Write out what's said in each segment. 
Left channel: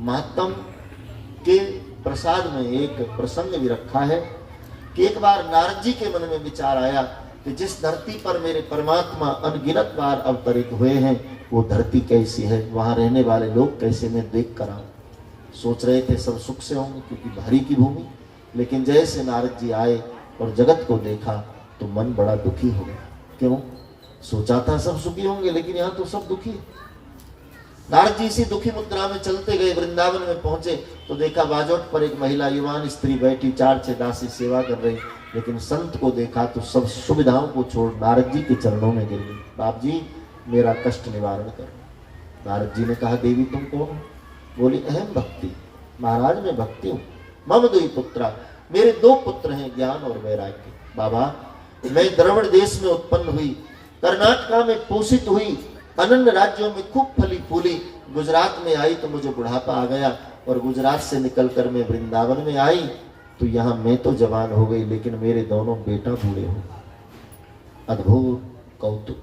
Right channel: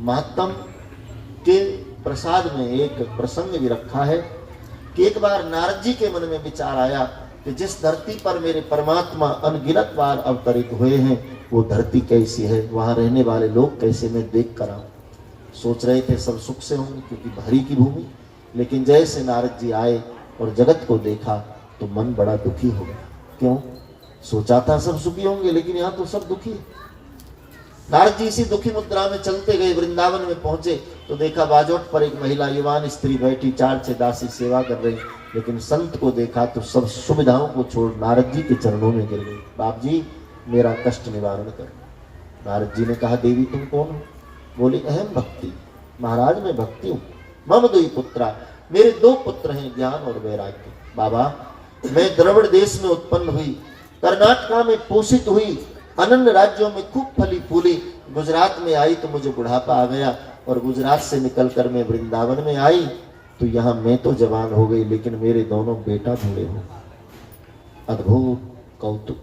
महात्म के प्रसाद में एक प्रसंग भी रखा है कि एक बार नारद जी के मन में विचार आया कि जिस धरती पर मेरे परमात्मा अनगिनत बार अवतरित हुए हैं वो धरती कैसी है, वहां रहने वाले लोग कैसे, मैं देख कर आऊं। सोच रहे थे सब सुख से होंगे क्योंकि हरि की भूमि, लेकिन जैसे नारद जी आए और जगत को देखा तो मन बड़ा दुखी हो गया। क्यों? सोचा था सब सुखी होंगे लेकिन यहाँ तो सब दुखी है। नारद जी इसी दुखी मुद्रा में चलते गए, वृंदावन में पहुंचे तो देखा बाजोट पर एक महिला युवान स्त्री बैठी 4-6 दासी सेवा कर रही, लेकिन संत को देखा तो सब सुविधाओं को छोड़ नारद जी के चरणों में गिर गई। बाप जी मेरा कष्ट निवारण कर। नारद जी ने कहा देवी तुम कौन हो? बोली अहम भक्ति, महाराज मैं भक्ति हूँ। मम दुई पुत्रा, मेरे 2 पुत्र हैं ज्ञान और वैराग्य। बाबा मैं द्रविड़ देश में उत्पन्न हुई, कर्नाटका में पोषित हुई, अनन्य राज्यों में खूब फली फूली, गुजरात में आई तो मुझे बुढ़ापा आ गया और गुजरात से निकलकर मैं वृंदावन में आई तो यहाँ मैं तो जवान हो गई लेकिन मेरे दोनों बेटा बूढ़े हो। अद्भुत कौतुक,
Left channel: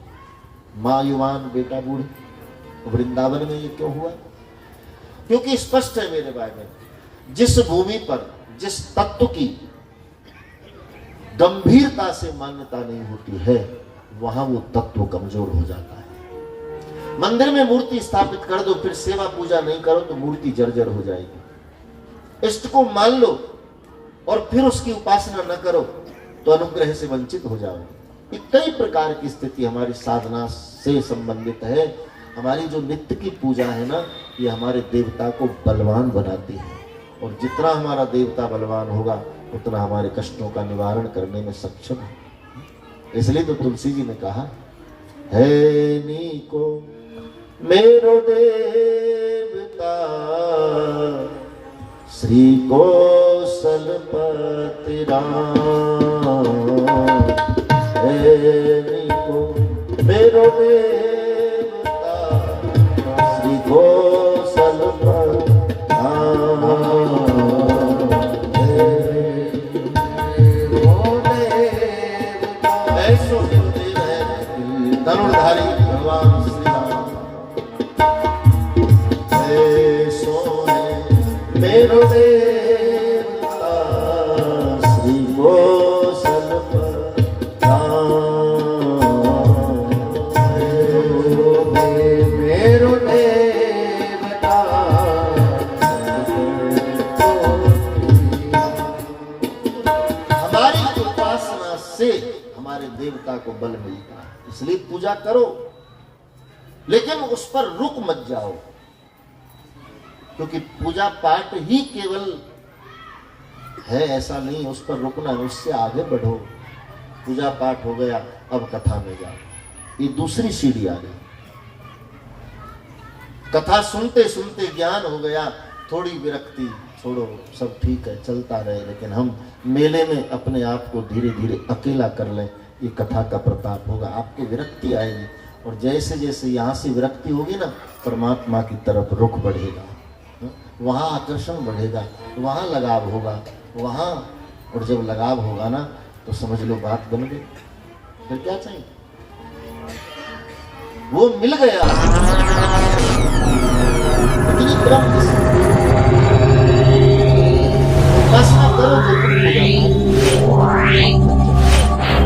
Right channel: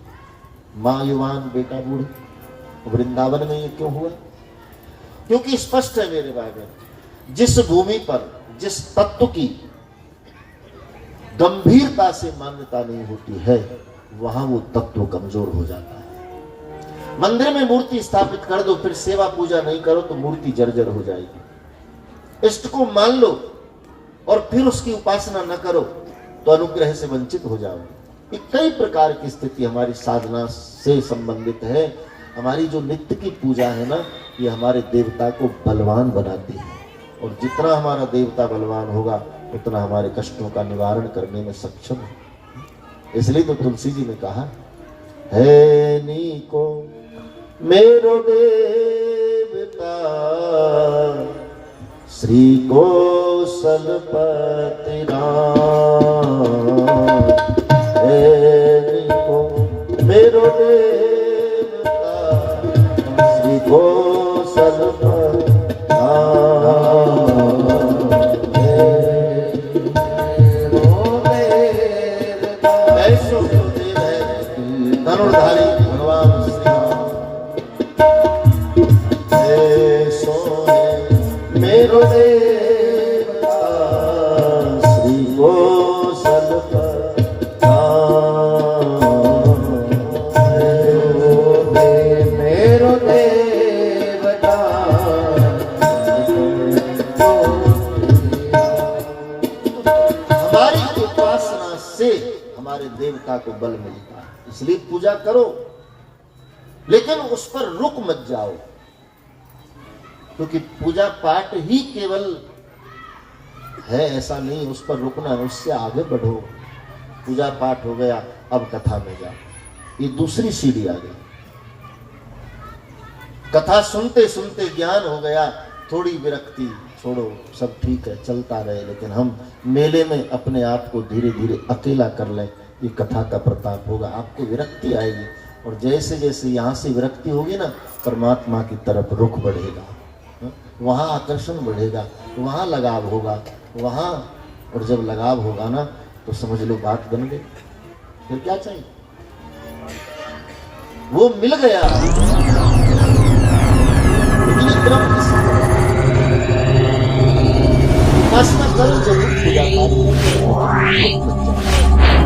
माँ युवान बेटा बूढ़े, वृंदावन में ये क्यों हुआ? क्योंकि स्पष्ट है मेरे भाई बहन, जिस भूमि पर जिस तत्व की गंभीरता से मान्यता नहीं होती है वहां वो तत्व कमजोर हो जाता है। मंदिर में मूर्ति स्थापित कर दो फिर सेवा पूजा नहीं करो तो मूर्ति जर्जर हो जाएगी। इष्ट को मान लो और फिर उसकी उपासना न करो तो अनुग्रह से वंचित हो जाओगे। कई प्रकार की स्थिति हमारी साधना से संबंधित है। हमारी जो नित्य की पूजा है ना, ये हमारे देवता को बलवान बनाती है और जितना हमारा देवता बलवान होगा उतना हमारे कष्टों का निवारण करने में सक्षम है। इसलिए तो तुलसी जी ने कहा है नी को मेरो देवता श्री कौशलपति राम, है नी को मेरो देवता श्री कौशलपति धनुर्धारी भगवान श्री राम, ऐसो है मेरो देवता श्री कौशलपति राम, मेरो देवता। हमारी उपासना से हमारे देवता को बल मिलता है, इसलिए पूजा करो लेकिन उस पर रुक मत जाओ, क्योंकि पूजा पाठ ही केवल है ऐसा नहीं, उस पर रुकना, उससे आगे बढ़ो। पूजा पाठ हो गया, अब कथा में जाओ, ये दूसरी सीढ़ी आ गई। कथा सुनते सुनते ज्ञान हो गया, थोड़ी विरक्ति छोड़ो, सब ठीक है चलता रहे, लेकिन हम मेले में अपने आप को धीरे धीरे अकेला कर लें, ये कथा का प्रताप होगा। आपको विरक्ति आएगी और जैसे जैसे यहाँ से विरक्ति होगी ना, परमात्मा की तरफ रुख बढ़ेगा, वहाँ आकर्षण बढ़ेगा, वहाँ लगाव होगा, वहाँ, और जब लगाव होगा ना तो समझ लो बात बन गई। फिर क्या चाहिए? वो मिल गया। उपासना करो जरूर,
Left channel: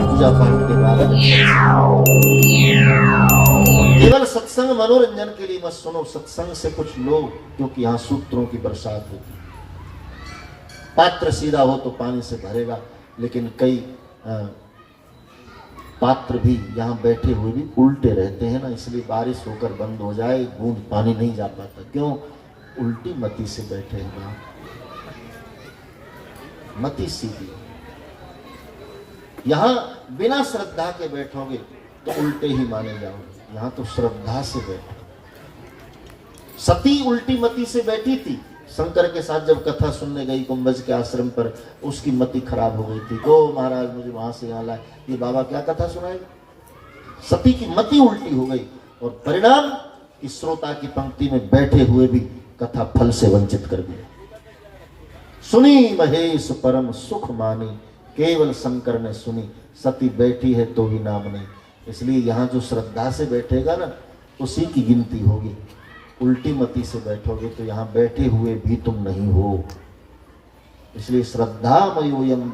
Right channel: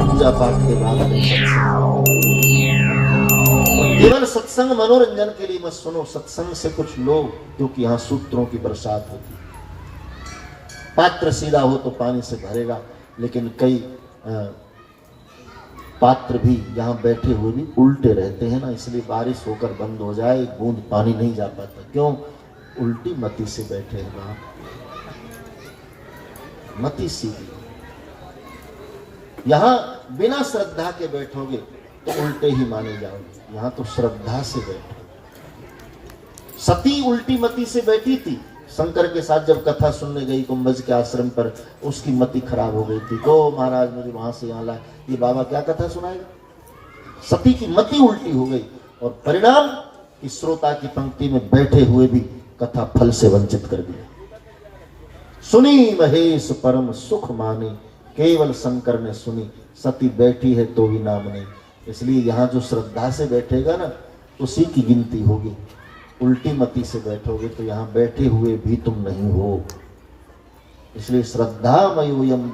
पूजा पाठ के बाद केवल सत्संग मनोरंजन के लिए मत सुनो, सत्संग से कुछ लोग, क्योंकि यहाँ सूत्रों की बरसात होती, पात्र सीधा हो तो पानी से भरेगा, लेकिन कई पात्र भी यहाँ बैठे हुए भी उल्टे रहते हैं ना, इसलिए बारिश होकर बंद हो जाए बूंद पानी नहीं जा पाता। क्यों? उल्टी मति से बैठे हैं ना, मति सीधी। यहाँ बिना श्रद्धा के बैठोगे तो उल्टे ही माने जाओगे, यहाँ तो श्रद्धा से बैठो। सती उल्टी मति से बैठी थी, शंकर के साथ जब कथा सुनने गई कुंभज के आश्रम पर, उसकी मति खराब हो गई थी। तो महाराज मुझे वहां से यहाँ लाए, ये बाबा क्या कथा सुनाएगा? सती की मति उल्टी हो गई और परिणाम इस श्रोता की पंक्ति में बैठे हुए भी कथा फल से वंचित कर दिया। सुनी महेश परम सुख मानी, केवल शंकर ने सुनी, सती बैठी है तो भी नाम नहीं। इसलिए यहाँ जो श्रद्धा से बैठेगा ना, उसी की गिनती होगी। उल्टी मति से बैठोगे तो यहाँ बैठे हुए भी तुम नहीं हो। इसलिए श्रद्धामयोयम